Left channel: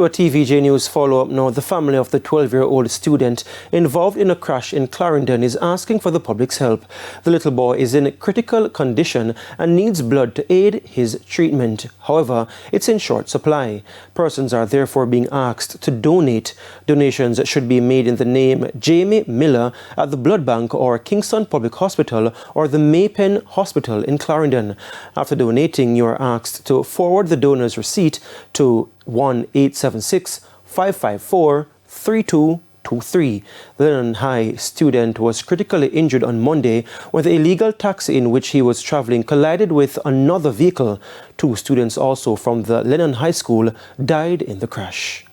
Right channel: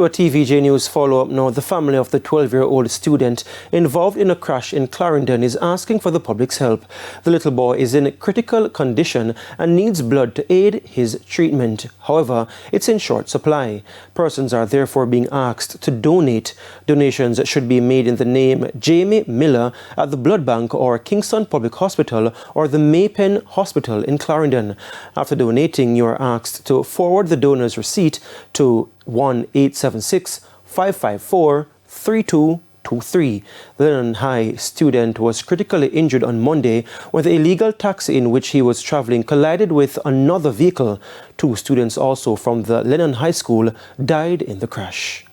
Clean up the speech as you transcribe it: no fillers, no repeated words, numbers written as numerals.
To a TVJ News follow-up now, the family of the 12-year-old student involved in a crash in Clarendon is asking for the public's help. The little boy is in critical condition and needs blood to aid his treatment. However, it's in short supply. Persons are therefore being asked to donate. Donations should be made in the name Jamie Miller at the Blood Bank or Kingston Public Hospital or the Maypen Hospital in Clarendon. After donating, you are asked to forward the donor's receipt to 1-876-554-3223. The Lennon High student was critically injured on Monday when the illegal taxi in which he was traveling collided with another vehicle. Two students also from the Lennon High School died in the crash.